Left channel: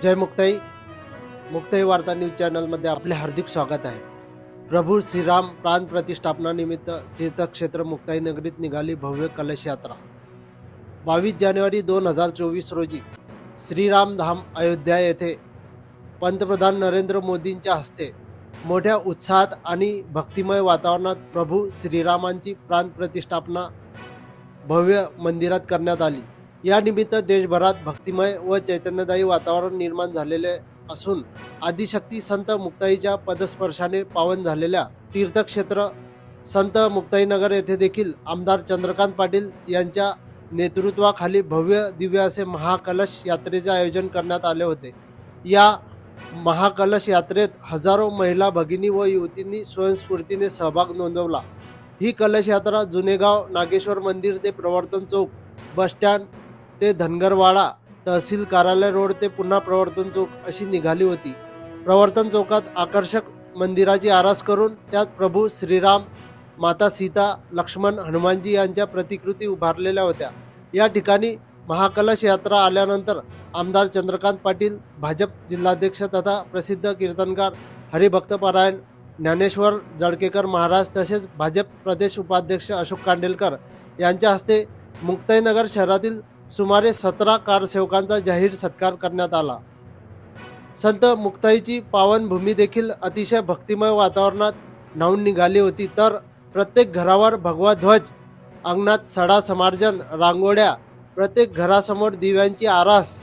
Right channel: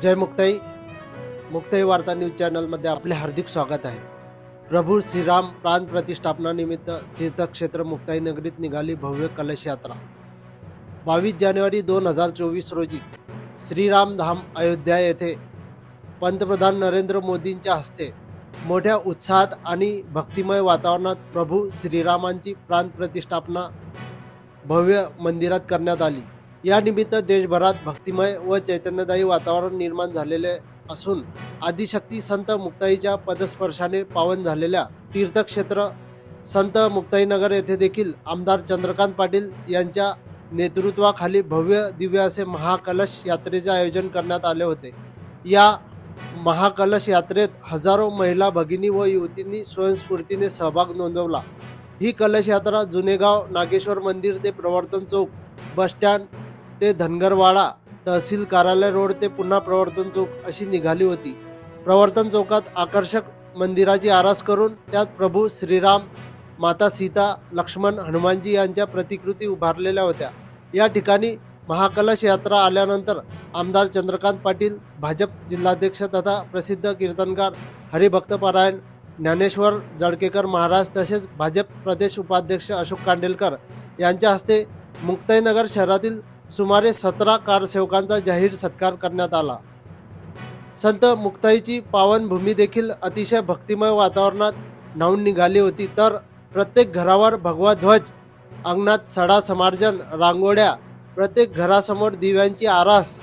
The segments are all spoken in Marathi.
जय मुक्ताई मुक्ताई वार्ता न्यूज चॅनलमध्ये आपले हार्दिक स्वागत आहे। प्रभू श्रीराम प्राण प्रतिष्ठापना निमित्त तीर्थक्षेत्र मुक्ताई नगरीत निघाली भव्य कलश यात्रा। 22 जानेवारी 2024 रोजी श्रीराम धाम अयोध्या येथे पंतप्रधान नरेंद्र मोदींच्या हस्ते मोठ्या उत्साहात आणि भक्तिमय वातावरणात प्रभू श्रीरामांची प्राण प्रतिष्ठापना भव्य मंदिरात करण्यात आली। या निमित्त देशभरात भक्तिमय व चैतन्यदायी वातावरण निर्माण झालेले असून आदिशक्ती संत मुक्ताईच्या पदस्पर्शाने पावन झालेल्या तीर्थक्षेत्र संत मुक्ताईनगर येथे देखील आमदार चंद्रकांत पाटील यांच्या नेतृत्वाखाली भव्य दिव्य असे महाकलश यात्रेचे आयोजन करण्यात आले होते। या महाकलश यात्रेत हजारो महिला भगिनी व युवतींनी स्वयंस्फूर्तीने सहभाग नोंदवला। ही कलश यात्रा जुनेगाव नागेश्वर मंदिर ते प्रवर्तन चौक, बस स्टँड ते धनगरवाडा, तहसील कार्यालय रोड ते पुन्हा प्रवर्तन चौक अशी निघाली होती। प्रवर्तन चौकात आकर्षक मंदिराची आरास करून त्यात प्रभू श्रीराम, माता सीता, लक्ष्मण, हनुमानजी यांच्या प्रतिकृती उभारलेल्या होत्या। या ठिकाणी महाकलश यात्रा आल्यानंतर आमदार चंद्रकांत पाटील, भाजप जिल्हाध्यक्ष तथा प्रसिद्ध कीर्तनकार हरिभक्तपरायण ज्ञानेश्वर जळकेकर महाराज तसेच भाजप प्रदेश उपाध्यक्ष अशोक कांडेलकर यांच्या हस्ते मुक्ताईनगर शहरातील सुमारे 17 कारसेवकांचा जाहीर सत्कार करण्यात आला। संत मुक्ताईची पावन भूमी देखील अतिशय भक्तिमय वातावरणात न्हाऊन निघाली होती। तर प्रत्येक घरावर भगवा ध्वज, अंगणात सडा समार्जन, रांगोळ्या, प्रत्येक घरासमोर दिव्यांची आरास,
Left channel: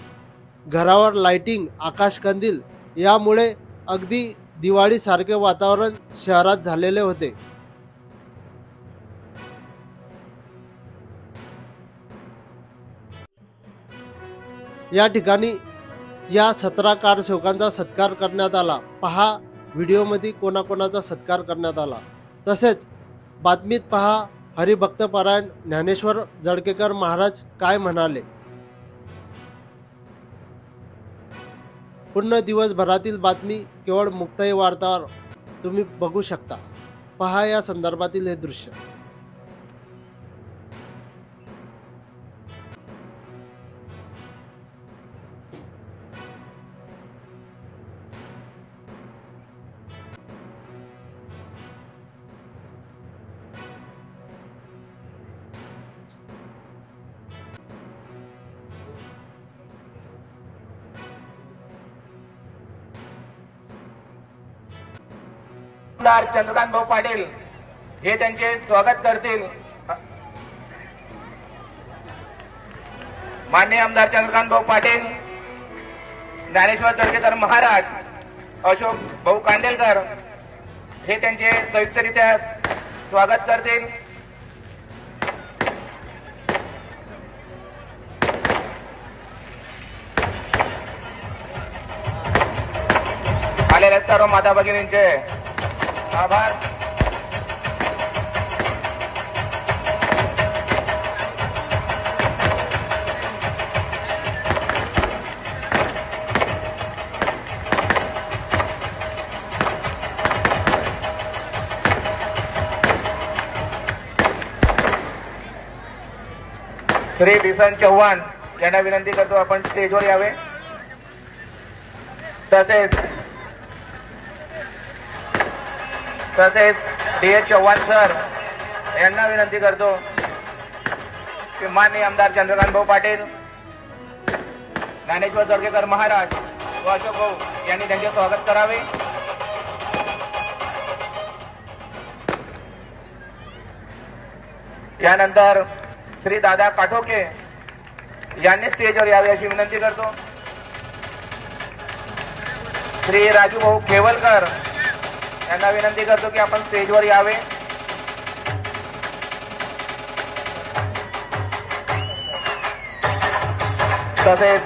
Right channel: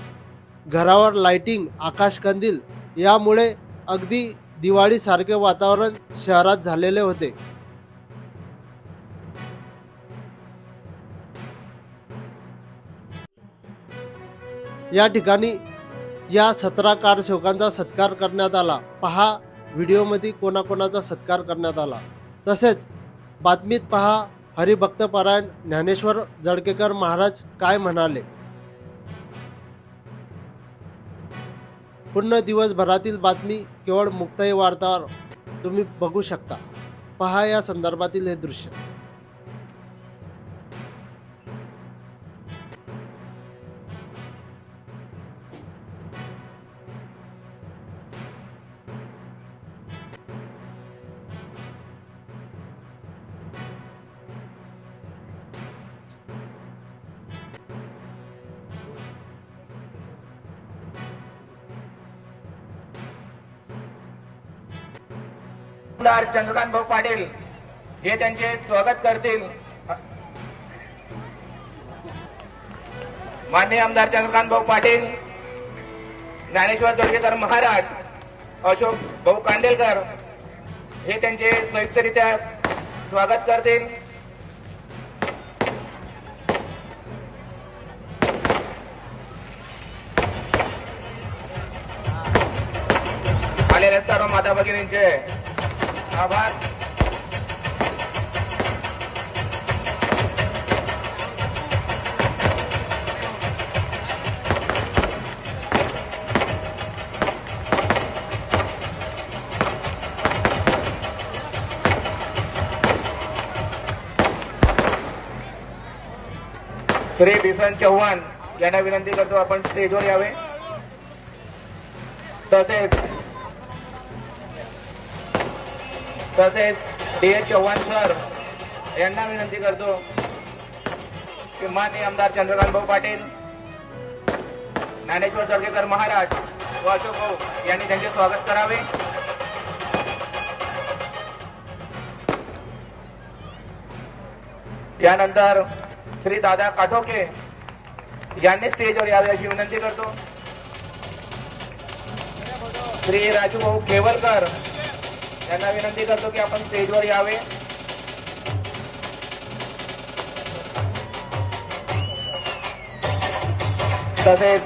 घरावर लाइटिंग, आकाशकंदील यामुळे अगदी दिवाळीसारखे वातावरण शहरात झालेले होते। या ठिकाणी या 17 कारसेवकांचा सत्कार करण्यात आला। पहा व्हिडिओमध्ये कोणाकोणाचा सत्कार करण्यात आला। तसेच बातमीत पहा हरिभक्तपरायण ज्ञानेश्वर जळकेकर महाराज काय म्हणाले। पूर्ण दिवसभरातील बातमी केवळ मुक्ताई वार्तावर तुम्ही बघू शकता। पहा या संदर्भातील हे दृश्य। आमदार चंद्रकांत भाऊ पाटील हे त्यांचे स्वागत करतील। माननीय आमदार चंद्रकांत भाऊ पाटील, ज्ञानेश्वर जळकेकर महाराज, अशोक भाऊ कांडेलकर हे त्यांचे संयुक्तरित्या स्वागत करतील। आलेल्या सर्व माता भगिनींचे आभार। श्री बिसन चव्हाण यांना विनंती करतो आपण स्टेजवर यावे। तसेच डी.एच. चव्हाण सर यांना विनंती करतो की माननीय आमदार चंद्रकांत भाऊ पाटील, ज्ञानेश्वर जळकेकर महाराज व अशोक भाऊ यांनी त्यांचे स्वागत करावे। यानंतर श्री दादा काठोके यांनी स्टेजवर यावे अशी विनंती करतो। श्री राजू भाऊ केवलकर यांना विनंती करतो की आपण स्टेजवर यावे। तसेच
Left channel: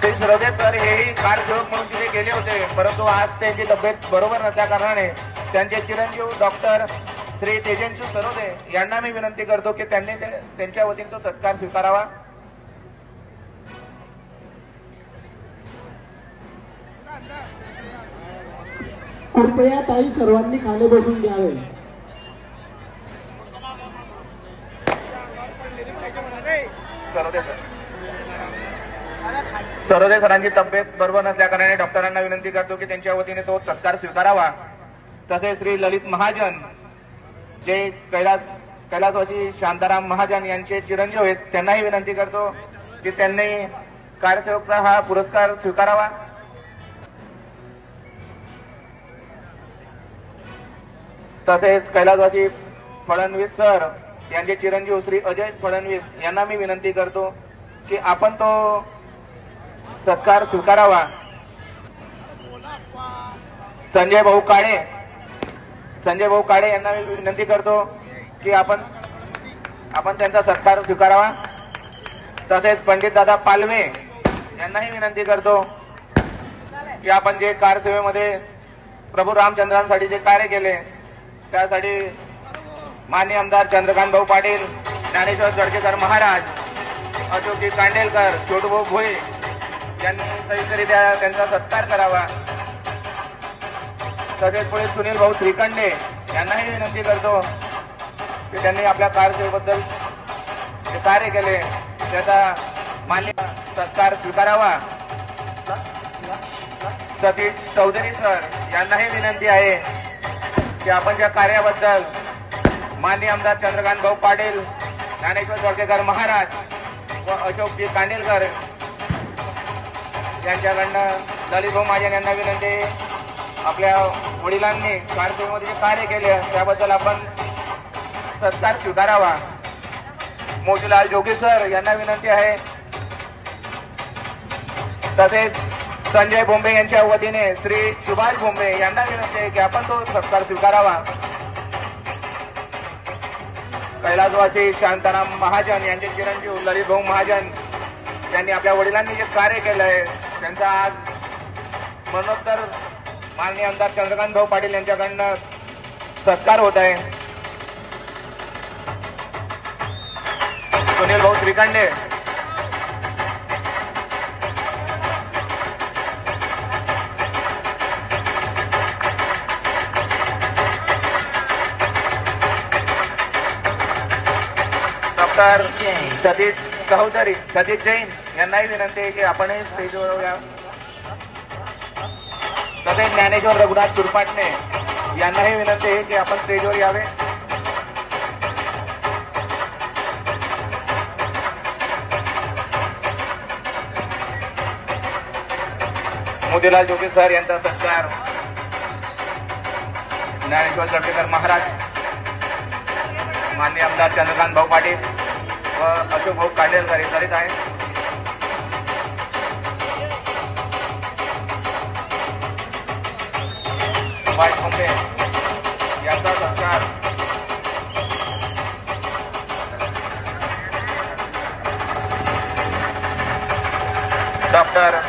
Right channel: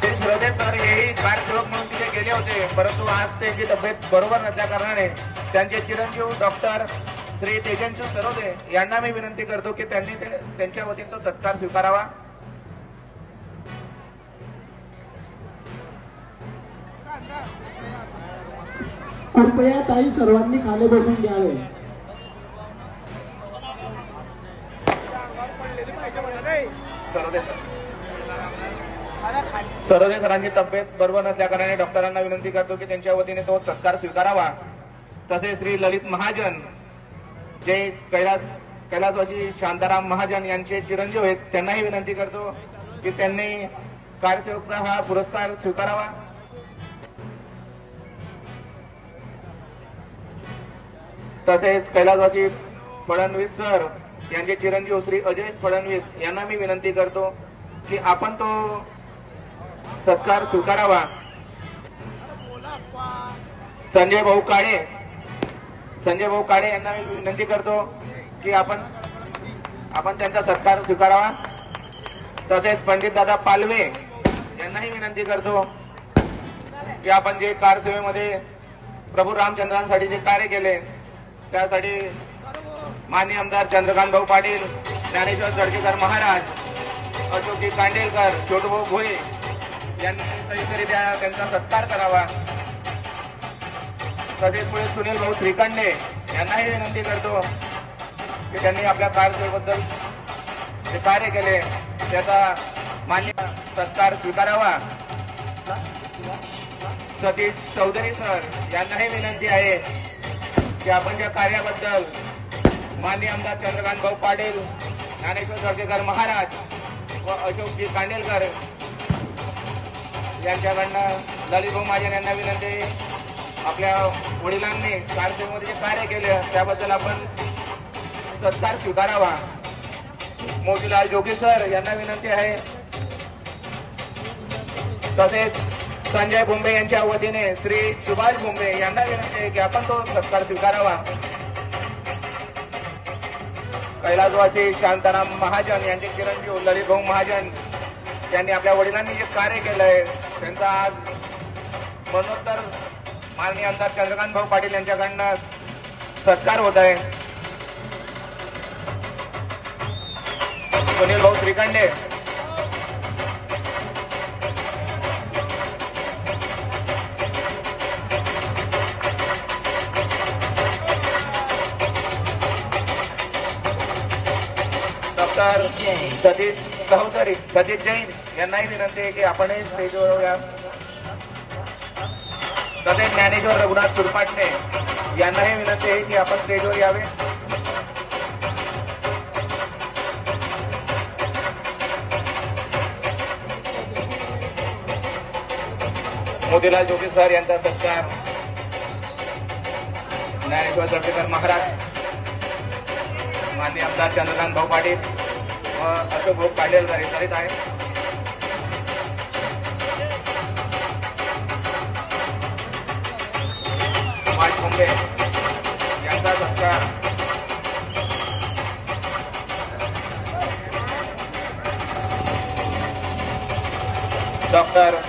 श्री सुरदेश सर हेही कारसेवक म्हणून तिथे गेले होते, परंतु आज त्यांची तब्येत बरोबर नसल्या कारणाने त्यांचे चिरंजीव डॉक्टर श्री तेजस्वी सरोदे यांना मी विनंती करतो की त्यांनी त्यांच्या वतीने तो सत्कार स्वीकारावा। कृपया ताई सर्वांनी खाली बसून घ्यावे। सरोदे सर खाली सरोदे सरांची तब्येत बरोबर नसल्या कारणाने डॉक्टरांना विनंती करतो की त्यांच्या वतीने तो सत्कार स्वीकारावा। तसेच श्री ललित महाजन जे कैलासवासी शांताराम महाजन यांचे चिरंजीव आहेत, त्यांनाही विनंती करतो की त्यांनी कार्यसेवकचा हा पुरस्कार स्वीकारावा। तसेच कैलासवासी फडणवीस सर यांचे चिरंजीव श्री अजय फडणवीस यांना मी विनंती करतो की आपण तो सत्कार स्वीकारावा। संजय भाऊ काळे यांना मी विनंती करतो की आपण त्यांचा सत्कार स्वीकारावा। तसेच पंडित दादा पालवे यांनाही विनंती करतो की आपण जे कारसेवेमध्ये प्रभू रामचंद्रांसाठी जे कार्य केले त्यासाठी माननीय आमदार चंद्रकांत भाऊ पाटील, ज्ञानेश्वर जळकेकर महाराज, अशोकजी कांडेलकर, छोटूभाऊ भोये यांनी संयुक्तरित्या त्यांचा सत्कार करावा। तसेच पुढे सुनील भाऊ श्रीखंडे यांनाही विनंती करतो की त्यांनी आपल्या कारसेवेबद्दल जे कार्य केले त्याचा मान्य सत्कार स्वीकारावा। सतीश चौधरी सर यांनाही विनंती आहे की आपण ज्या कार्याबद्दल माननीय आमदार चंद्रकांत भाऊ पाटील, ज्ञानेश्वर जळकेकर महाराज व अशोकजी कांडेलकर यांच्याकडनं ललित भाऊ महाजन यांना विनंती, आपल्या वडिलांनी कारसेवेमध्ये जे कार्य केले त्याबद्दल आपण सत्कार स्वीकारावा। मोतीलाल जोगी सर यांना विनंती आहे। तसेच संजय भोंबे यांच्या वतीने श्री सुभाष भोंबे यांना विनंती आहे की आपण तो सत्कार स्वीकारावा। कैलासवासी शांताराम महाजन यांचे चिरंजीव ललित भाऊ महाजन यांनी आपल्या वडिलांनी जे कार्य केलंय त्यांचा आज मरणोत्तर माननीय आमदार चंद्रकांत भाऊ पाटील यांच्याकडनं सत्कार होत आहे। सुनील भाऊ श्रीखंडे, डॉक्टर सतीश जैन यांनाही विनंती आहे की आपणही स्टेजवर या। तसेच ज्ञानेश्वर रघुनाथ सुरपाटणे यांनाही विनंती आहे की आपण स्टेजवर यावे। मोतीलाल जोगी सर यांचा सत्कार ज्ञानेश्वर जळकेकर महाराज, माननीय आमदार चंद्रकांत भाऊ पाटील व अशोक भाऊ कांडेलकर हे करीत आहे। सुभाष भोंबे यांचा सत्कार डॉक्टर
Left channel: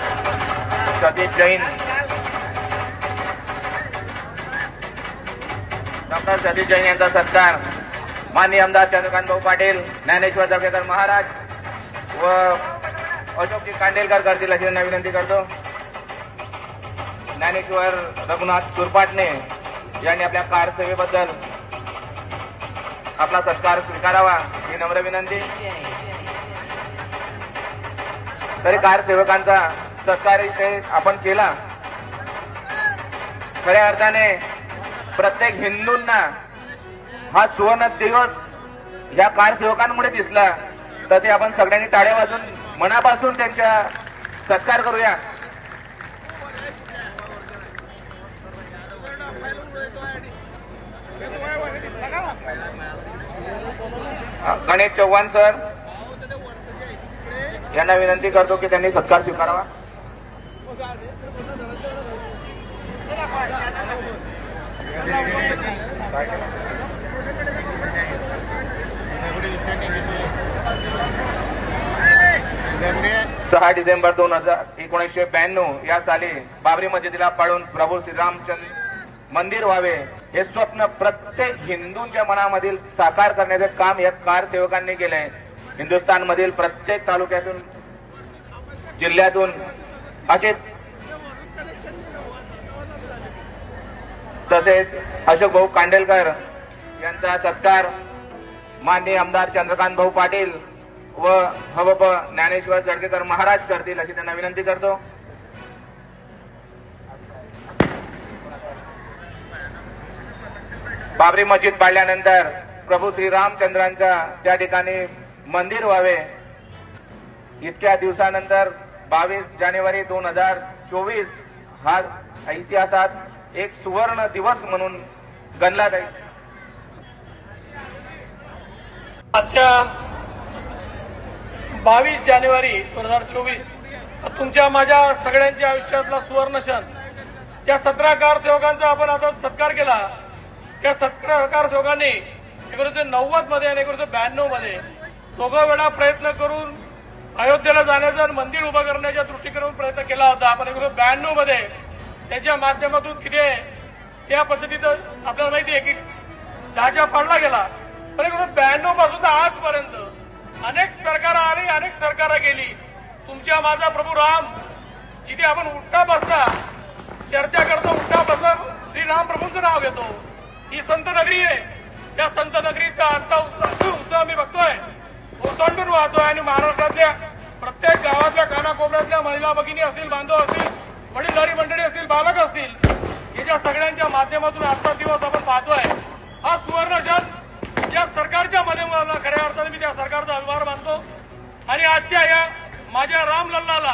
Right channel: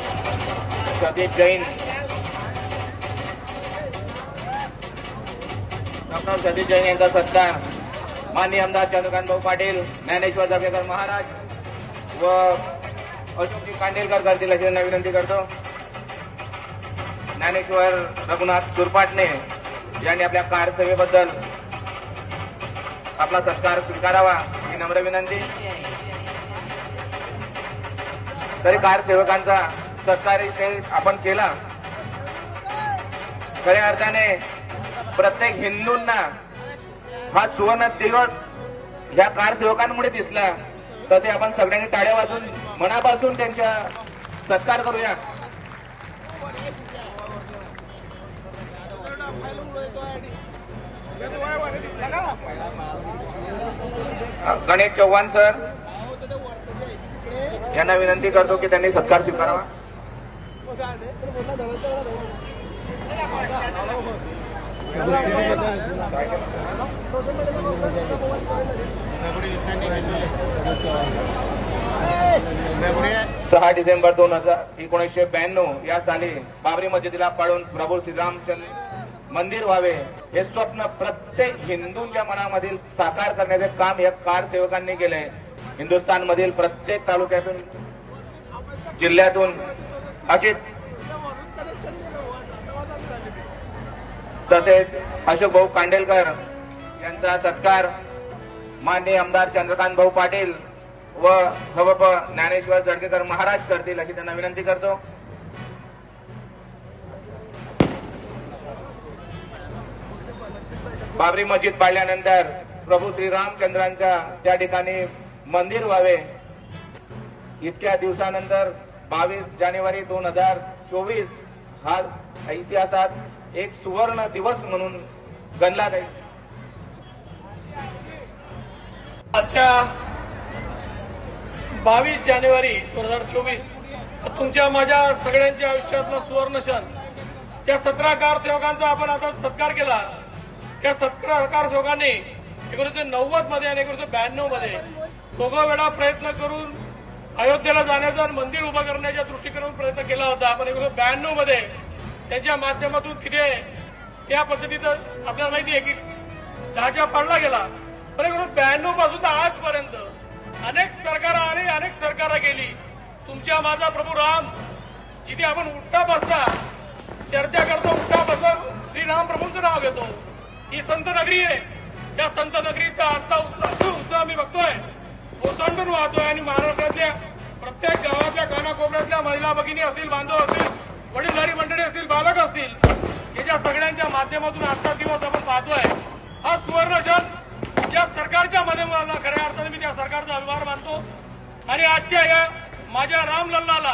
सतीश जैन यांचा सत्कार माननीय आमदार चंद्रकांत भाऊ पाटील, ज्ञानेश्वर जळकेकर महाराज व अशोकजी कांडेलकर करतील अशी त्यांना विनंती करतो। ज्ञानेश्वर रघुनाथ सुरपाटणे यांनी आपल्या कारसेवेबद्दल आपला सत्कार स्वीकारावा ही नम्र विनंती। तरी कारसेवकांचा सत्कार इथे आपण केला। खऱ्या अर्थाने प्रत्येक हिंदूंना हा सुवर्ण दिवस ह्या कारसेवकांमुळे दिसला। तसे आपण सगळ्यांनी टाळ्या वाजून मनापासून त्यांचा सत्कार करूया। गणेश चव्हाण सर यांना विनंती करतो की त्यांनी सत्कार स्वीकारावा। सहा डिसेंबर 1992 या साली बाबरी मस्जिदीला पाडून प्रभू श्रीरामचंद्र मंदिर व्हावे हे स्वप्न प्रत्येक हिंदूंच्या मनामधील साकार करण्याचे काम या कारसेवकांनी केले। हिंदुस्थान मधील प्रत्येक तालुक्यातून जिल्ह्यातून असे तसेच अशोक भाऊ कांडेलकर यांचा सत्कार माननीय आमदार चंद्रकांत भाऊ पाटील, व हवप ज्ञानेश्वर जळकेकर महाराज करतील अशी त्यांना विनंती करतो. बाबरी मस्जिद पाडल्यानंतर प्रभू श्रीरामचंद्रांच्या त्या ठिकाणी मंदिर व्हावे, इतक्या दिवसानंतर 22 जानेवारी 2024 हा इतिहासात एक सुवर्ण दिवस म्हणून गणला जाईल. आजच्या 22 जानेवारी 2024 तुमच्या माझ्या सगळ्यांच्या आयुष्यातला सुवर्ण क्षण. ज्या 17 कारसेवकांचा आपण आता सत्कार केला, त्या 17 कारसेवकांनी 1990 मध्ये आणि 1992 मध्ये दोघं वेळा प्रयत्न करून अयोध्येला जाण्याचा आणि मंदिर उभं करण्याच्या दृष्टीकोनातून प्रयत्न केला होता. आपण 1992 मध्ये त्यांच्या माध्यमातून किती त्या पद्धतीचं आपल्याला माहिती आहे की ढाचा पाडला गेला. पण 1992 पासून तर आजपर्यंत अनेक सरकार आली, अनेक सरकार गेली. तुमच्या माझा प्रभू राम जिथे आपण उठता बसता चर्चा करतो, उठता बसता श्रीराम प्रभूंचं नाव घेतो. ही संत नगरी आहे. या संत नगरीचा आजचा उत्सव आम्ही बघतोय, ओसंडून वाहतोय. आणि महाराष्ट्रातल्या प्रत्येक गावातल्या कानाकोपऱ्यातल्या महिला भगिनी असतील, बांधव असतील, वडीलधारी मंडळी असतील, बालक असतील, याच्या सगळ्यांच्या माध्यमातून आजचा दिवस आपण पाहतोय. हा सुवर्ण क्षण ज्या सरकारच्या माध्यमातून खऱ्या अर्थाने मी त्या सरकारचा अभिमान मानतो. आणि आजच्या या माझ्या रामलल्लाला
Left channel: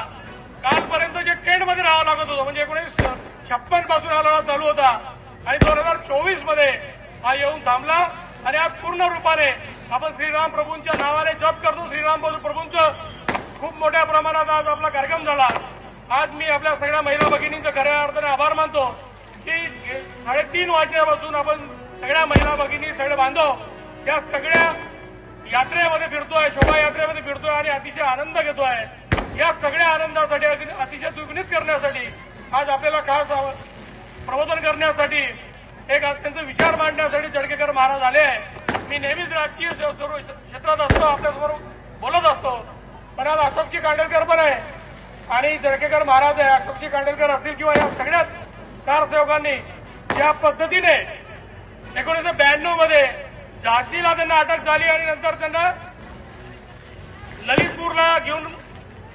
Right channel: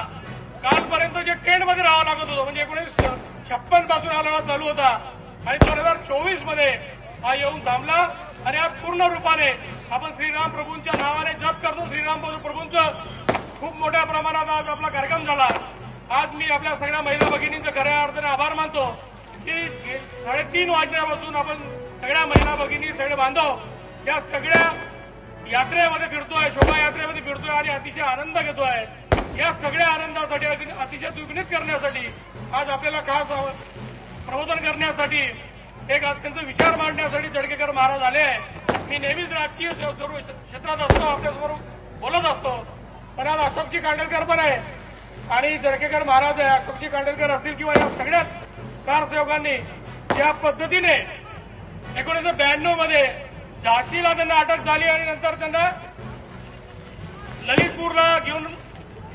कालपर्यंत जे टेंटमध्ये राहावं लागत होतं, म्हणजे 1956 पासून हा लढा चालू होता आणि 2024 मध्ये हा येऊन थांबला. आणि आज पूर्ण रूपाने आपण श्रीराम प्रभूंच्या नावाने जप करतो. श्रीराम प्रभूंचं खूप मोठ्या प्रमाणात आज आपला कार्यक्रम झाला. आज मी आपल्या सगळ्या महिला भगिनींचं खऱ्या अर्थाने आभार मानतो की 3:30 वाजल्यापासून आपण सगळ्या महिला भगिनी, सगळे बांधव या सगळ्या यात्रेमध्ये फिरतोय, शोभायात्रेमध्ये फिरतोय आणि अतिशय आनंद घेतोय. या सगळ्या आनंदासाठी, अतिशय दुग्नित करण्यासाठी, आज आपल्याला खास प्रबोधन करण्यासाठी, एक अत्यंत विचार मांडण्यासाठी जळकेकर महाराज आले. मी नेहमीच राजकीय क्षेत्रात असतो, आपल्यासमोर बोलत असतो, पण आज अशोकजी कांडेलकर पण आहे आणि जळकेकर महाराज आहे. अशोकजी कांडेलकर असतील किंवा या सगळ्याच कारसेवकांनी ज्या पद्धतीने 1992 मध्ये झाशीला त्यांना अटक झाली आणि नंतर त्यांना ललितपूरला घेऊन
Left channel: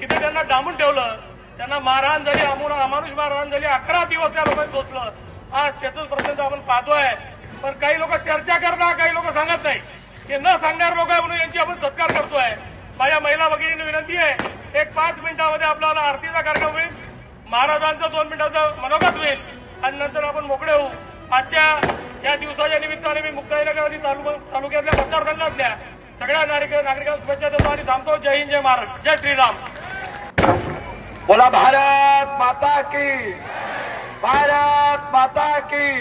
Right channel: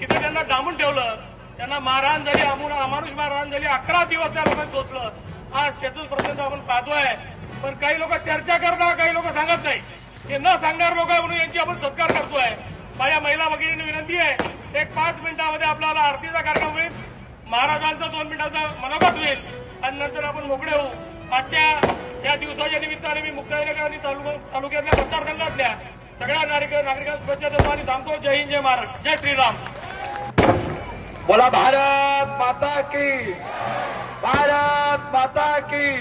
तिथे त्यांना डांबून ठेवलं, त्यांना मारहाण झाली, अमानुष मारहाण झाली, 11 दिवस त्या लोकांनी सोचलं. आज त्यातून प्रसंग आपण पाहतोय. पण काही लोक चर्चा करतात, काही लोक सांगत नाही. हे न सांगणारे लोक आहे म्हणून यांची आपण सत्कार करतोय. माझ्या महिला भगिनींनी विनंती आहे, एक 5 मिनिटांमध्ये आपल्याला आरतीचा कार्यक्रम होईल, महाराजांचा 2 मिनिटांचा मनोगत होईल आणि नंतर आपण मोकळे होऊ. आजच्या या दिवसाच्या निमित्ताने मी मुक्ताईनगर आणि तालुक्यातल्या मतदारसंघातल्या सगळ्या नागरिकांना शुभेच्छा देतो आणि थांबतो. जय हिंद, जय महाराष्ट्र, जय श्रीराम. बोला भारत माता की, भारत माता की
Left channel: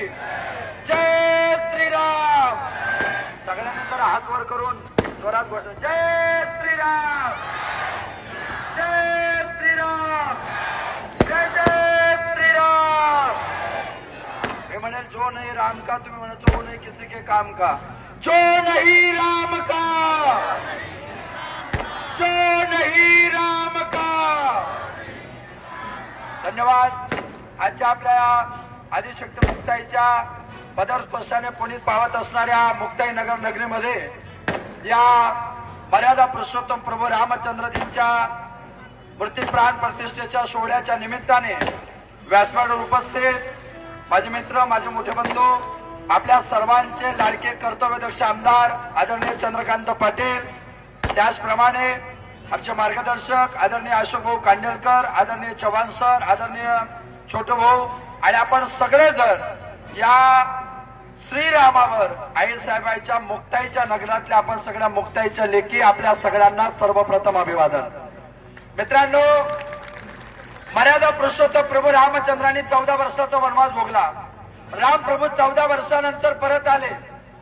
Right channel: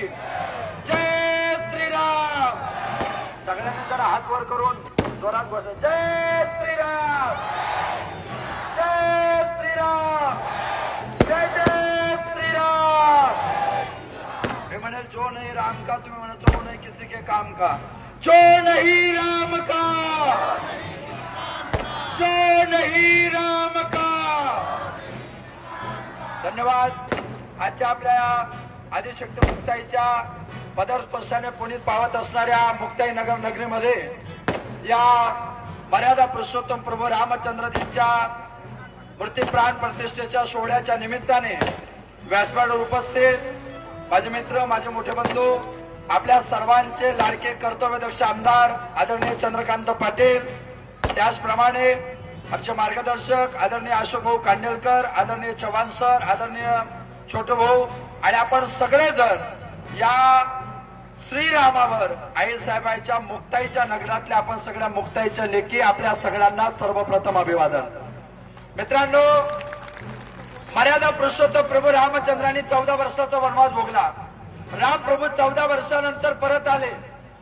जय श्रीराम. सगळ्यांनी जरा हात वर करून जोरात बस. जय श्रीराम, जय श्रीराम, जय जय श्रीराम. हे म्हणेल जो नाही राम का, तुम्ही म्हणायचं वो नाही किसी के काम का. जो नहीं राम का, जो नहीं राम का. धन्यवाद. आजच्या आपल्या आदिशक्ती मुक्ताईच्या पदस्पर्शाने पुनीत पावत असणाऱ्या मुक्ताई नगर नगरीमध्ये या मर्यादा पुरुषोत्तम प्रभू रामचंद्रजींच्या मूर्ती प्राण प्रतिष्ठेच्या सोहळ्याच्या निमित्ताने व्यासपीठावर उपस्थित माझे मित्र, माझे मोठे बंधू, आपल्या सर्वांचे लाडके कर्तव्यदक्ष आमदार आदरणीय चंद्रकांत पाटील, त्याचप्रमाणे आमचे मार्गदर्शक आदरणीय अशोक भाऊ कांडेलकर, आदरणीय चव्हाण सर, आदरणीय छोटे भाऊ आणि आपण सगळेजण या श्रीरामावर आईसाहेबांच्या मुक्ताईच्या नगरातल्या आपण सगळ्या मुक्ताईच्या लेखी आपल्या सगळ्यांना सर्वप्रथम अभिवादन. मित्रांनो, मर्यादा पुरुषोत्तम प्रभू रामचंद्रांनी 14 वर्षाचा वनवास भोगला. राम प्रभू 14 वर्षानंतर परत आले.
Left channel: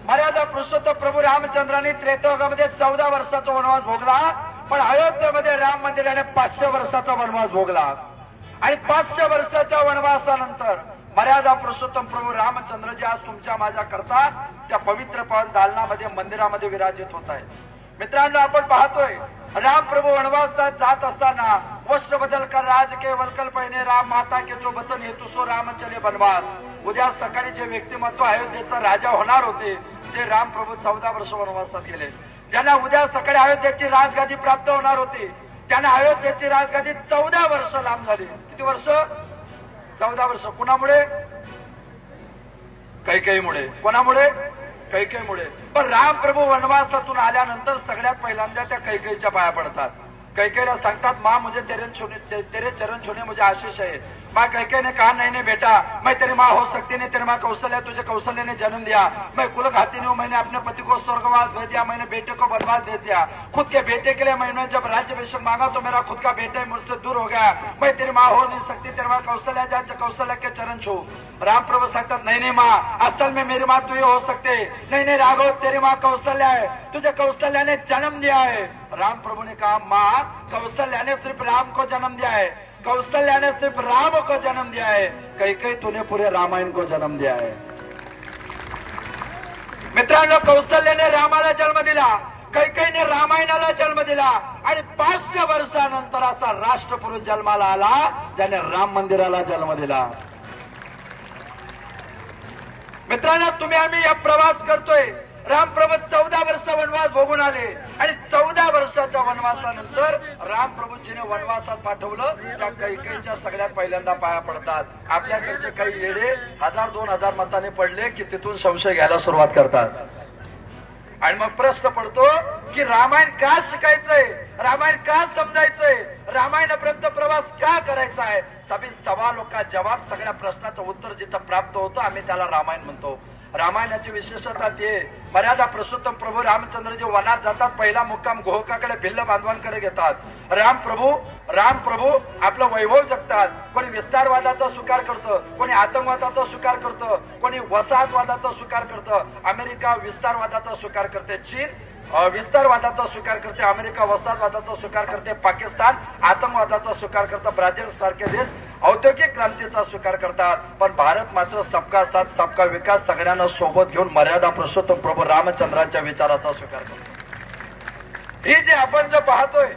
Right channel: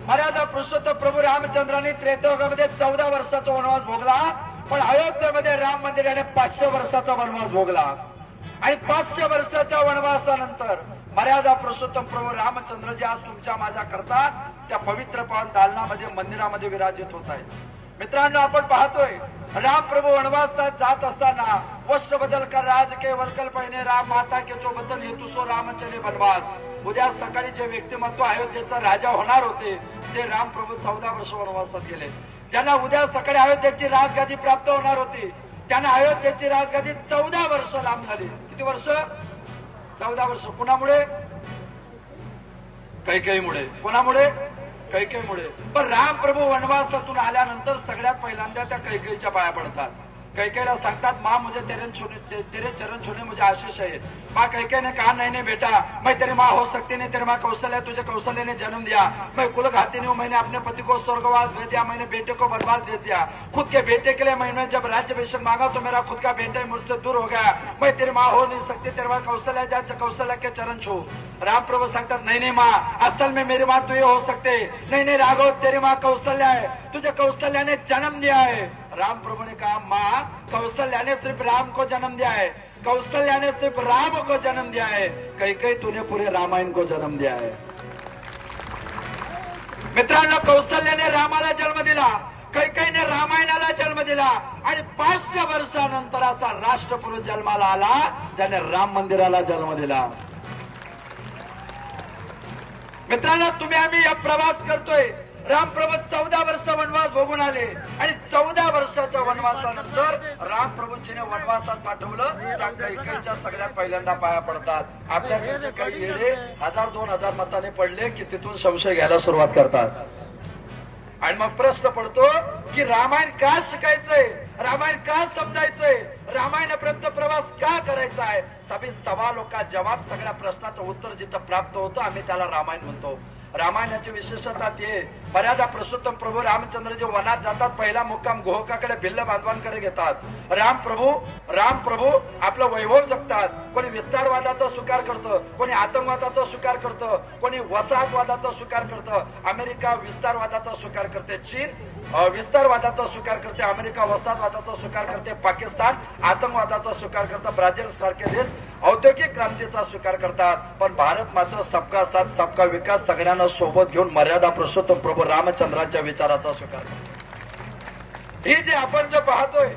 मर्यादा पुरुषोत्तम प्रभू रामचंद्रांनी त्रेतायुगामध्ये 14 वर्षाचा वनवास भोगला, पण अयोध्येमध्ये राम मंदिराने 500 वर्षाचा वनवास भोगला. आणि 500 वर्षाच्या वनवासानंतर मर्यादा पुरुषोत्तम प्रभू रामचंद्रजी आज तुमच्या माझ्या करता त्या पवित्र पवन दालनामध्ये मंदिरामध्ये विराजित होत आहेत. मित्रांनो, आपण पाहतोय राम प्रभू वनवासात जात असताना वस्त्र बदल कर राज के वलकल पहिने राम माता के जो वतन हेतु सो राम चले वनवास. उद्या सकाळी जे व्यक्तिमत्व अयोध्येचा राजा होणार होते ते राम प्रभू 14 वर्ष वनवासात गेले. ज्यांना उद्या सकाळी अयोध्येची राजगादी प्राप्त होणार होती, त्यांना अयोध्येची राजगादी 14 वर्ष लांब झाली. किती वर्ष? 14 वर्ष. कुणामुळे? कैकेयीमुळे. कोणामुळे? कैकेयीमुळे. पण राम प्रभू वनवासातून आल्यानंतर सगळ्यात पहिल्यांदा त्या कैकेयीच्या पाया पडतात. कैकेयीला सांगतात, माँ मुझे तेरे चरण छूने मुझे आशीष है. माँ कैकेयी ने कहा, नहीं नहीं बेटा, मैं तेरी माँ हो सकती नहीं, तेरी माँ कौशल्या, तुझे कौशल्या ने जन्म दिया. मैं कुल घाती नहीं हूँ, मैंने अपने पति को स्वर्गवास भेज दिया, मैंने बेटे को वनवास दे दिया. खुद के बेटे के लिए मैंने जब राज्याभिषेक मांगा तो मेरा खुद का बेटा मुझसे दूर हो गया. मैं तेरी माँ हो नहीं सकती, तेरी माँ कौशल्या, जा कौशल्या के चरण छू. राम प्रभु सांगतात, नहीं नहीं माँ, असल में मेरी माँ तू ही हो सकते. नहीं नहीं राघव, तेरी माँ कौशल्या है, तुझे कौशल्या ने जन्म दिया है. राम प्रभु ने कहा, माँ कौशल्या ने सिर्फ राम को जन्म दिया है, कौशल्या ने सिर्फ राम को जन्म दिया है, कैकेयी तूने पूरे रामायण को जन्म दिया है. मित्रांनो, कौशल्याने रामाला जन्म दिला, कैकेयीने रामायणाला जन्म दिला आणि 500 वर्षानंतर असा राष्ट्रपुरुष जन्माला आला ज्याने राम मंदिराला जन्म दिला. मित्रांनो, तुम्ही आम्ही या प्रवास करतोय. राम प्रभू 14 वर्ष वनवास भोगून आले आणि 14 वर्षाच्या वनवासानंतर राम प्रभूजीने वनवासात पाठवलं. त्या कैकेयीच्या सगळ्यात पहिल्यांदा पाया पडतात. आपल्याकडचे काही येडे 1000-2000 मताने पडले की तिथून संशय घ्यायला सुरुवात करतात आणि मग प्रश्न पडतो की रामायण का शिकायचंय, रामायण का समजायचंय, रामायणापर्यंत प्रवास का करायचा आहे. सभी सवालों का जवाब, सगळ्या प्रश्नाचं उत्तर जिथं प्राप्त होतं आम्ही त्याला रामायण म्हणतो. रामायणाची विशेषता ते, मर्यादा पुरुषोत्तम प्रभू रामचंद्र जे वनात जातात, पहिला मुक्काम गोहकाकडे, भिल्ल बांधवांकडे घेतात. राम प्रभू आपलं वैभव जगतात. कोणी विस्तारवादाचा स्वीकार करतं, कोणी आतंकवादाचा स्वीकार करतं, कोणी वसाहतवादाचा स्वीकार करतं. अमेरिका विस्तारवादाचा स्वीकार करते, चीन विस्तारवादाचा स्वीकार करते, अमेरिका वसाहतवादाचा स्वीकार करते, पाकिस्तान आतंकवादाचा स्वीकार करतं, ब्राझील सारखे देश औद्योगिक क्रांतीचा स्वीकार करतात. पण भारत मात्र सबका साथ सबका विकास, सगळ्यांना सोबत घेऊन मर्यादा पुरुषोत्तम प्रभू रामचंद्राच्या विचाराचा स्वीकार करतो. ही जे आपण जे पाहतोय,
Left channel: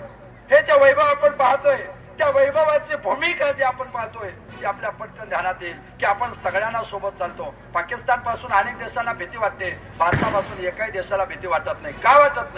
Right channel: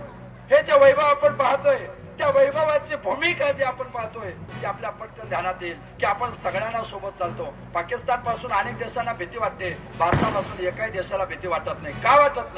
हे जे वैभव आपण पाहतोय, त्या वैभवाची भूमिका जी आपण पाहतोय ती आपल्या पटकन ध्यानात येईल की आपण सगळ्यांना सोबत चालतो. पाकिस्तान पासून अनेक देशांना भीती वाटते, भारतापासून एकाही देशाला भीती वाटत नाही. का वाटत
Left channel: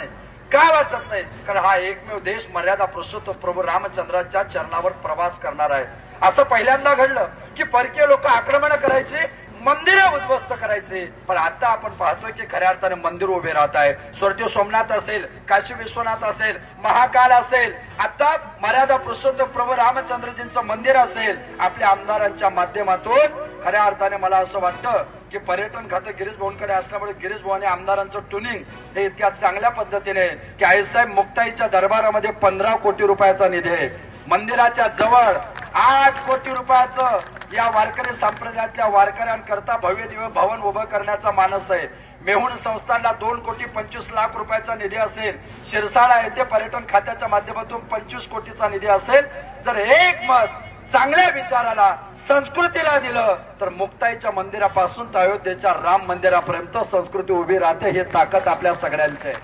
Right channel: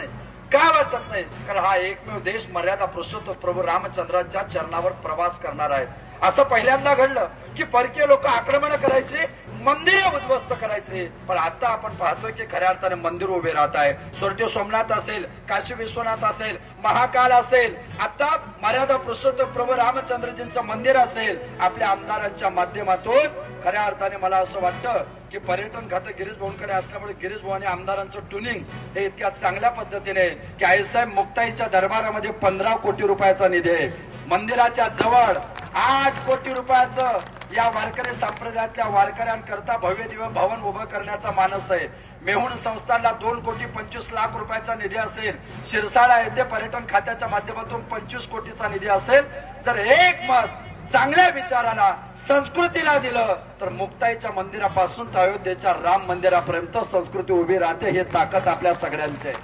नाही? कारण हा एकमेव देश मर्यादा पुरुषोत्तम प्रभू रामचंद्राच्या चरणावर प्रवास करणार आहे. असं पहिल्यांदा घडलं की परकीय लोक आक्रमण करायचे, मंदिरं उद्ध्वस्त करायचे. पण आता आपण पाहतोय की खऱ्या अर्थाने मंदिर उभे राहत आहे. स्वर्गीय सोमनाथ असेल, काशी विश्वनाथ असेल, महाकाल असेल, आता मर्यादा पुरुषोत्तम प्रभू रामचंद्रजींचं मंदिर असेल. आपल्या आमदारांच्या माध्यमातून खऱ्या अर्थाने मला असं वाटतं की पर्यटन खातं गिरीश भाऊंकडे असल्यामुळे गिरीश भाऊ आणि आमदारांचं ट्युनिंग हे इतक्या चांगल्या पद्धतीने की आईसाहेब मुक्ताईच्या दरबारामध्ये 15 कोटी रुपयाचा निधी आहे. मंदिराच्या जवळ 8 कोटी रुपयाचं या वारकरी संप्रदायातल्या वारकऱ्यांकरता भव्य दिव्य भवन उभं करण्याचा मानस आहे. मेहुण संस्थानला 2,25,00,000 रुपयाचा निधी असेल. शिरसाळा येथे पर्यटन खात्याच्या माध्यमातून 25 कोटीचा निधी असेल. जर एक मत चांगल्या विचाराला, संस्कृतीला दिलं तर मुक्ताईच्या मंदिरापासून तर अयोध्येच्या राम मंदिरापर्यंत संस्कृती उभी राहते. हे ताकद आपल्या सगळ्यांची आहे.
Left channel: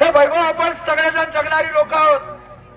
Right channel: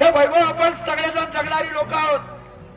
हे वैभव आपण सगळेजण जगणारी लोक आहोत.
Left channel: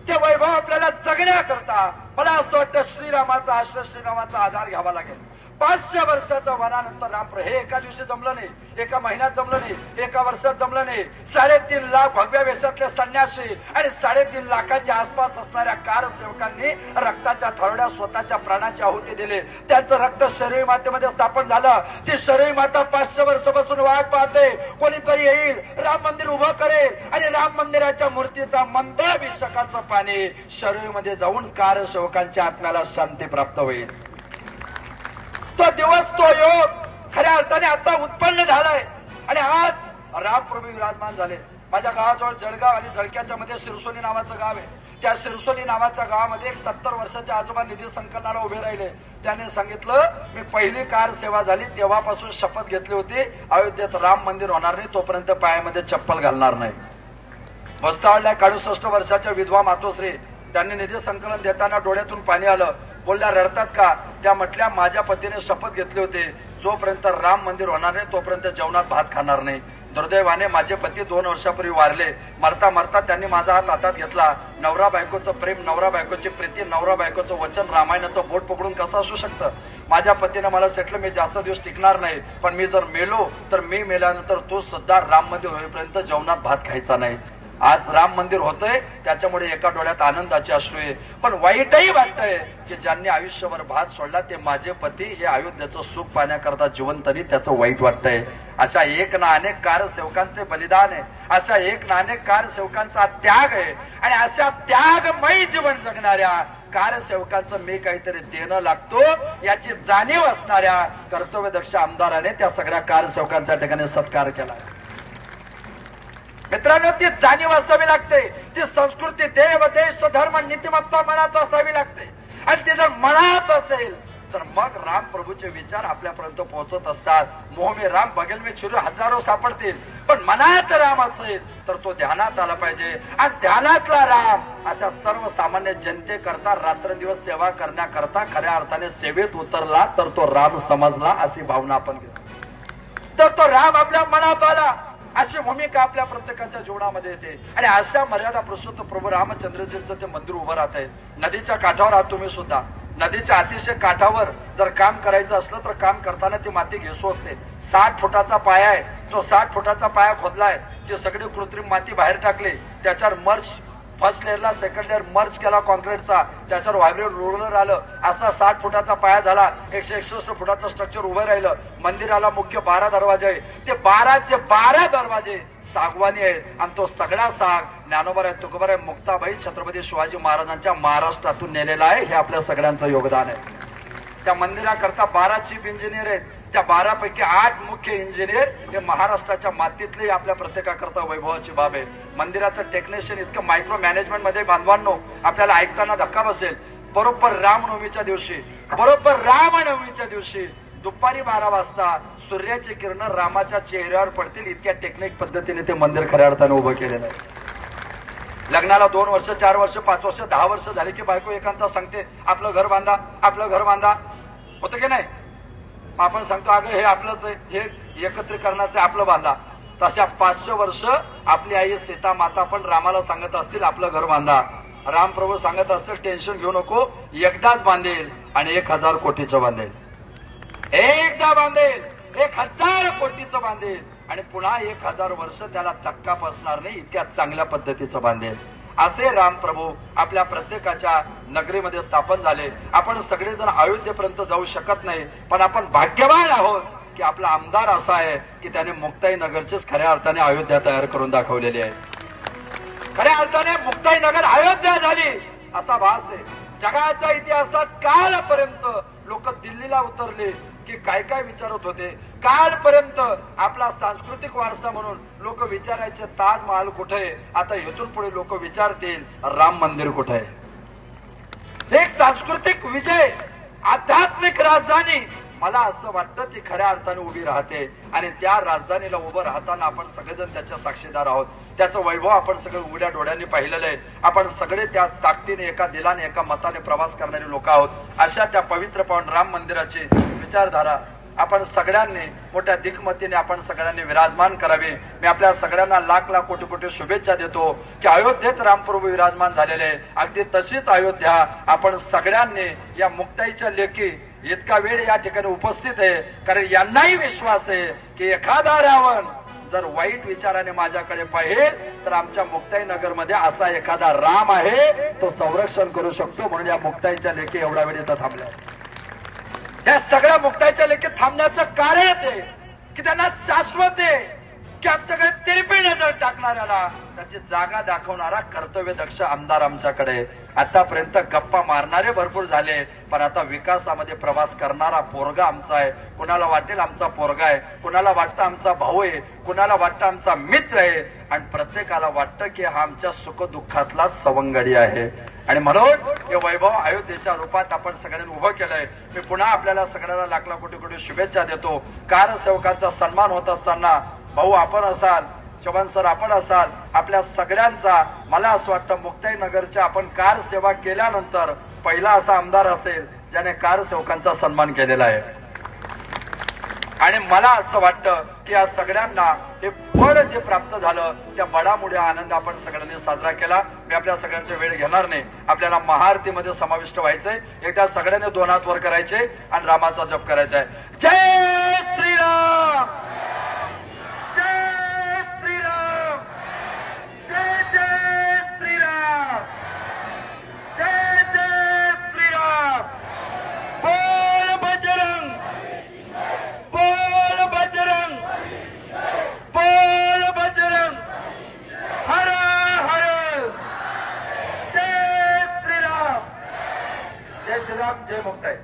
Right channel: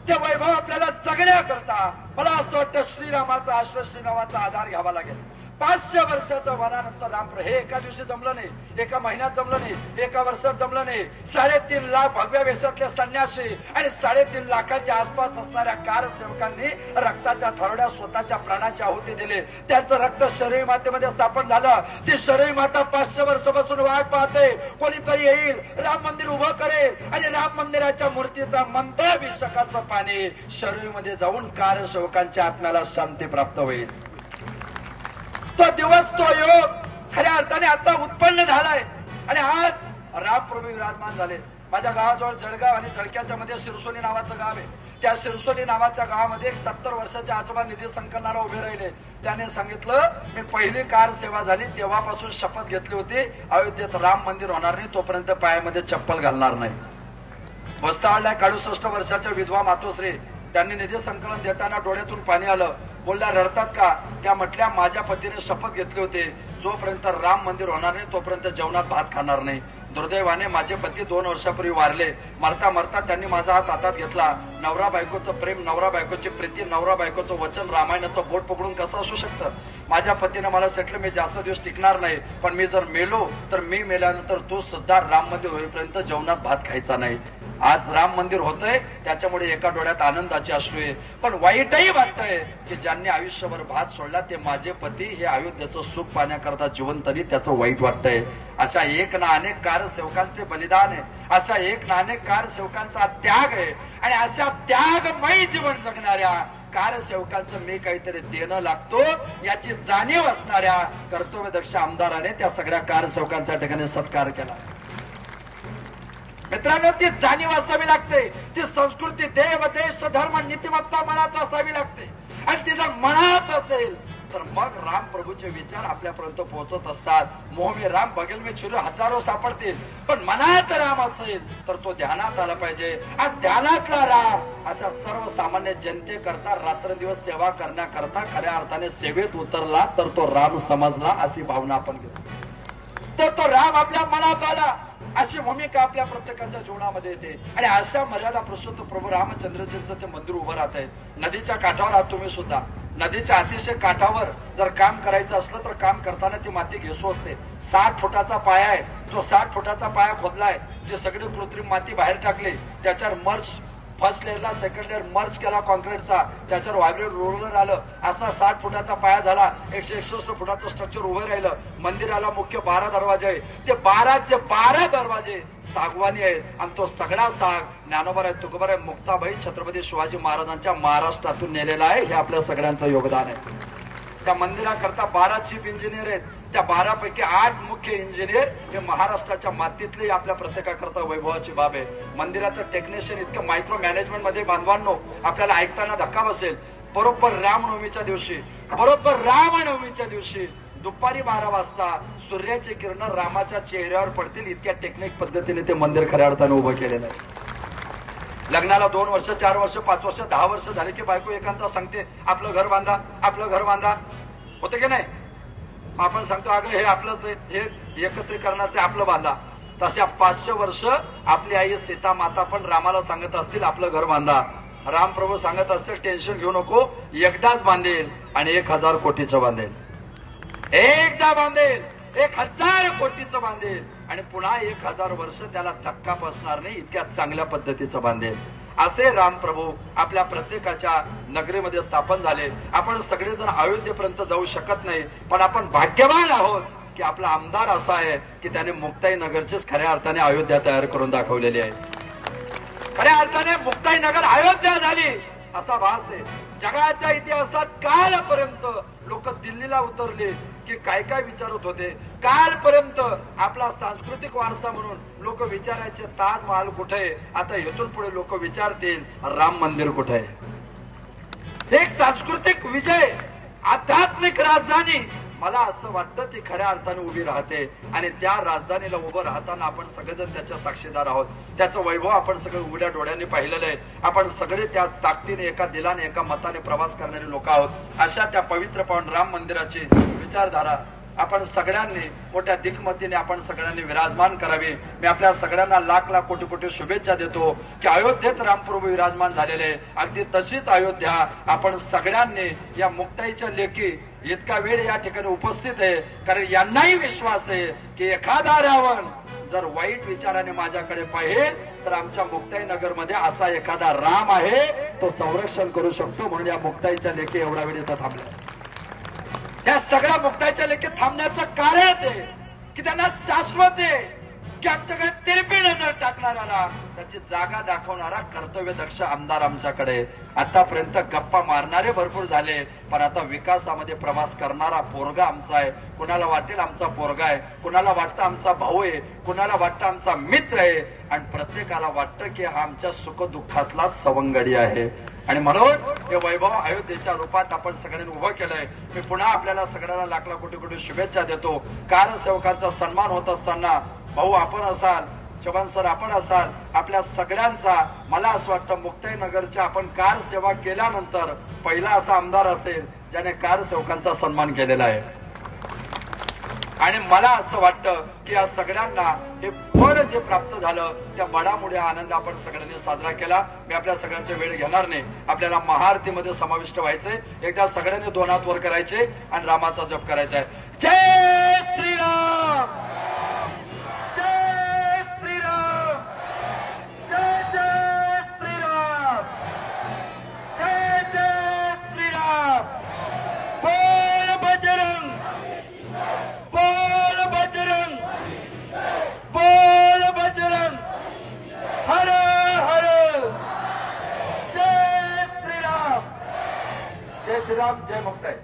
ते वैभव आपल्याला जगण्याकरता मला असं वाटतं श्रीरामाचा आश्रय, श्रीरामाचा आधार घ्यावा लागेल. 500 वर्षाच्या वनानंतर रामप्रभू हे एका दिवशी जमलं नाही, एका महिन्यात जमलं नाही, एका वर्षात जमलं नाही. 3.5 लाख भगव्या वेशातले संन्यासी आणि 3.5 लाखाच्या आसपास असणाऱ्या कारसेवकांनी रक्ताच्या थरड्या स्वतःच्या प्राणाची आहुती दिली. त्यांचं रक्त शरयू मातेमध्ये स्थापन झालं. ती शरयू माता 500 वर्षापासून वाट पाहते, कोणीतरी येईल, राम मंदिर उभं करेल आणि राम मंदिराच्या मूर्तीचा मंत्राभिषेकाचं पाणी शरयू मध्ये जाऊन कारसेवकांच्या आत्म्याला शांती प्राप्त होईल. तो दिवस, तो योग खऱ्या अर्थाने आता उत्पन्न झालाय आणि आज रामप्रभू विराजमान झाले. माझ्या गावाजवळ जळगाव आणि जळक्याच्या मध्ये शिरसोली नावाचं गाव आहे. त्या शिरसोली नावाच्या गावामध्ये 70 वर्षाच्या आजोबा निधी संकलनाला उभे राहिले. त्याने सांगितलं, मी पहिली कार सेवा झाली तेव्हापासून शपथ घेतली होती, अयोध्येत राम मंदिर होणार नाही तोपर्यंत पायामध्ये चप्पल घालणार नाही. वस्तावळल्या 61 वर्षाच्या विधवा मातोश्री, त्यांनी निधी संकलन देताना डोळ्यातून पाणी आलं. बोलल्या, रडतात का? त्या म्हटल्या, माझ्या पतीने शपथ घेतली होती, जोपर्यंत राम मंदिर होणार नाही तोपर्यंत जेवणात भात खाणार नाही. दुर्दैवाने माझे पती 2 वर्षापूर्वी वारले. मरता मरता त्यांनी माझा हात हातात घेतला. नवरा बायकोचं प्रेम, नवरा बायकोची प्रीती, नवरा बायकोचं वचन, रामायणाचं बोट पकडून कसं असू शकतं. माझ्या पतीनं मला म्हटलं मी जास्त दिवस टिकणार नाही, पण मी जर मेलो तर मी मेल्यानंतर तू सुद्धा राम मंदिर होईपर्यंत जेवणात भात खायचा नाही. आज राम मंदिर होतंय त्याच्यामुळे एका डोळ्यात आनंदाचे अश्रू आहे, पण वाईटही वाटतंय की ज्यांनी आयुष्यभर भात सोडला ते माझे पती हे अयोध्येचं सुख पाहण्याकरता जिवंतनी त्याचं वाईट वाटतंय. अशा एक ना अनेक कारसेवकांचे बलिदान आहे, अशा एक ना अनेक कारसेवकांचा त्याग आहे, आणि अशा त्यागमयी जीवन जगणाऱ्या कारसेवकांचं मी काहीतरी देणं लागतो याची जाणीव असणाऱ्या कर्तव्यदक्ष आमदाराने त्या सगळ्या कारसेवकांच्या ठिकाणी सत्कार केला. मित्रांनो, ती जाणीव असावी लागते, ती संस्कृती देव देश धर्म नीतिमत्ता मनात असावी लागते, आणि ती जर मनात असेल तर मग राम प्रभूचे विचार आपल्यापर्यंत पोहोचत असतात. मोह में राम बगल में छुरी हजारो सापडतील, पण मनात राम असेल तर तो ध्यानात आला पाहिजे. आणि ध्यानातला राम अशा सर्वसामान्य जनतेकरता रात्रंदिवस सेवा करण्याकरता खऱ्या अर्थाने सेवेत उतरला तर तो राम समजला अशी भावना आपण घेतो. तर तो राम आपल्या मनात आला अशी भूमिका आपल्या प्रत्येकाच्या जीवनामध्ये येते. आणि अशा मर्यादा पुरुषोत्तम प्रभू रामचंद्रजींचं ते मंदिर उभं राहत आहे. नदीच्या काठावर आहात तुम्ही सुद्धा. नदीच्या अतिशय काठावर जर काम करायचं असलं तर काम करताना ती माती घेसू असते. 60 फुटाचा पाया आहे, तो 60 फुटाचा पाया खोदलाय, ते सगळी कृत्रिम माती बाहेर टाकली, त्याच्यावर मर्ज फर्स्ट लेअरला सेकंड लेअर मर्ज केला कॉन्क्रीटचा, त्याच्यावर व्हायब्रेट रोलर आलं, असा 60 फुटाचा पाया झाला. 161 फुटाचं स्ट्रक्चर उभं राहिलं. मंदिराला मुख्य 12 दरवाजे आहे, ते 12चे 12 दरवाजे सागवानी आहेत, आणि तो सगळा साग ज्ञानोबा तुकोबा मुक्ताबाई छत्रपती शिवाजी महाराजांच्या महाराष्ट्रातून नेलेला आहे. हे आपल्या सगळ्यांचं योगदान आहे. त्या मंदिराकरता 12 चीफ इंजिनियर आहेत, त्या 12 पैकी 8 मुख्य इंजिनियर हे महाराष्ट्राच्या मातीतले आपल्या प्रत्येकाकरता वैभवाची बाब आहे. मंदिराचं टेक्निशियन इतकं मायक्रो मॅनेजमेंट मध्ये बांधवांनो आपल्याला ऐकताना धक्का बसेल. बरोबर रामनवमीच्या दिवशी दुपारी 12 वाजता सूर्याचे किरण रामाच्या चेहऱ्यावर पडतील इतक्या टेक्निक पद्धतीने ते मंदिर खऱ्या अर्थाने उभं केलेलं आहे. लग्नाला 2 वर्ष 4 वर्ष 5 वर्ष 10 वर्ष झाले की बायको एकांता सांगते आपलं घर बांधा, आपलं घर बांधा, होतं की नाही. आपण सांगतो अगं हे आपलंच आहे, हे एकत्रीकरणाचं आपलं बांधा. तशा 500 वर्ष आपली आई सीता माता पण रामाला सांगत असतील आपलं घर बांधा. रामप्रभू सांगत असतील टेन्शन घेऊ नको, एकदाच बांधेल आणि 1000 कोटीचं बांधेल, एकदा बांधेल 1000 कोटीचं बांधेल, आणि पुन्हा 1000 वर्ष त्याला धक्का बसणार नाही इतक्या चांगल्या पद्धतीचं बांधेल. असे रामप्रभू आपल्या प्रत्येकाच्या नगरीमध्ये स्थापन झाले. आपण सगळेजण अयोध्येपर्यंत जाऊ शकत नाही, पण आपण भाग्यवान आहोत की आपला आमदार असा आहे की त्याने मुक्ताई नगरचीच खऱ्या अर्थाने अयोध्या तयार करून दाखवलेली आहे. खऱ्या अर्थाने मुक्ताई नगर अयोध्या झाली असा भास आहे. जगाच्या इतिहासात कालपर्यंत लोक दिल्लीला उतरले की काय काय विचारत होते. कालपर्यंत आपला सांस्कृतिक वारसा म्हणून लोक विचारायचे ताजमहाल कुठे आहे, आता इथून पुढे लोक विचारतील राम मंदिर कुठे आहे. एक सांस्कृतिक विजय, आध्यात्मिक राजधानी मला असं वाटतं ती खऱ्या अर्थाने उभी राहते, आणि त्या राजधानीला उभं राहताना आपण सगळेजण त्याच्या साक्षीदार आहोत. त्याचं वैभव आपण सगळे उघड्या डोळ्यांनी पाहिलेलं आहे. आपण सगळे त्या ताकदीने एका दिलाने एका मताने प्रवास करणारी लोक आहोत. अशा त्या पवित्र पावन राम मंदिराची विचारधारा आपण सगळ्यांनी मोठ्या दिग्मतीने आपण सगळ्यांनी विराजमान करावी. मी आपल्या सगळ्यांना लाख लाख कोटी कोटी शुभेच्छा देतो की अयोध्येत रामप्रभू विराजमान झालेले. अगदी तशीच अयोध्या आपण सगळ्यांनी या मुक्ताईच्या लेखी इतका वेळ या ठिकाणी उपस्थित आहे, कारण यांनाही विश्वास आहे की एखादा रावण जर वाईट विचाराने माझ्याकडे पाहिल तर आमच्या मुक्ताई नगर मध्ये असा एखादा राम आहे, तो संरक्षण करू शकतो. म्हणून या मुक्ताईच्या लेखी एवढा वेळ इथं थांबलाय. त्या सगळ्या मुक्ताईच्या लेखी थांबण्याचं कारण आहे की त्यांना शाश्वत आहे की आमच्याकडे तिरपी नजर टाकणाऱ्याला त्याची जागा दाखवणारा कर्तव्य दक्ष आमदार आमच्याकडे. आतापर्यंत गप्पा मारणारे भरपूर झाले, पण आता विकासामध्ये प्रवास करणारा पोरगा आमचा आहे. कुणाला वाटेल आमचा पोरगा आहे, कुणाला वाटतं आमचा भाऊ आहे, कुणाला वाटतं आमचा मित्र आहे, आणि प्रत्येकाला वाटतं की हा आमच्या सुखदुःखातला सवंगडी आहे. आणि म्हणून हे वैभव अयोध्येच्या रूपात आपण सगळ्यांनी उभं केलंय. मी पुन्हा आपल्याला सगळ्यांना लाख लाख कोटी कोटी शुभेच्छा देतो. कारसेवकांचा सन्मान होत असताना भाऊ आपण असाल, चव्हाण सर आपण असाल, आपल्या सगळ्यांचा मला असं वाटतं मुक्ताई नगरच्या आपण कार सेवा केल्यानंतर पहिला असा आमदार असेल ज्याने कारसेवकांचा सन्मान केलेला आहे. आणि मला असं वाटतं की या सगळ्यांना हे फळ जे प्राप्त झालं त्या बडामुळे आनंद आपण सगळ्यांनी साजरा केला. मी आपल्या सगळ्यांचा वेळ घेणार नाही. आपल्याला महाआरतीमध्ये समाविष्ट व्हायचंय. एकदा सगळ्यांनी 2 हात वर करायचे आणि रामाचा जप करायचा आहे. जय श्रीराम, जय श्रीराम, जय जय श्रीराम, जय जय श्रीराम. बोल बजरंग, बोल बजरंग, बोल बजरंग, हर हर, जय श्रीराम, जय श्रीराम, जय मुक्ताई.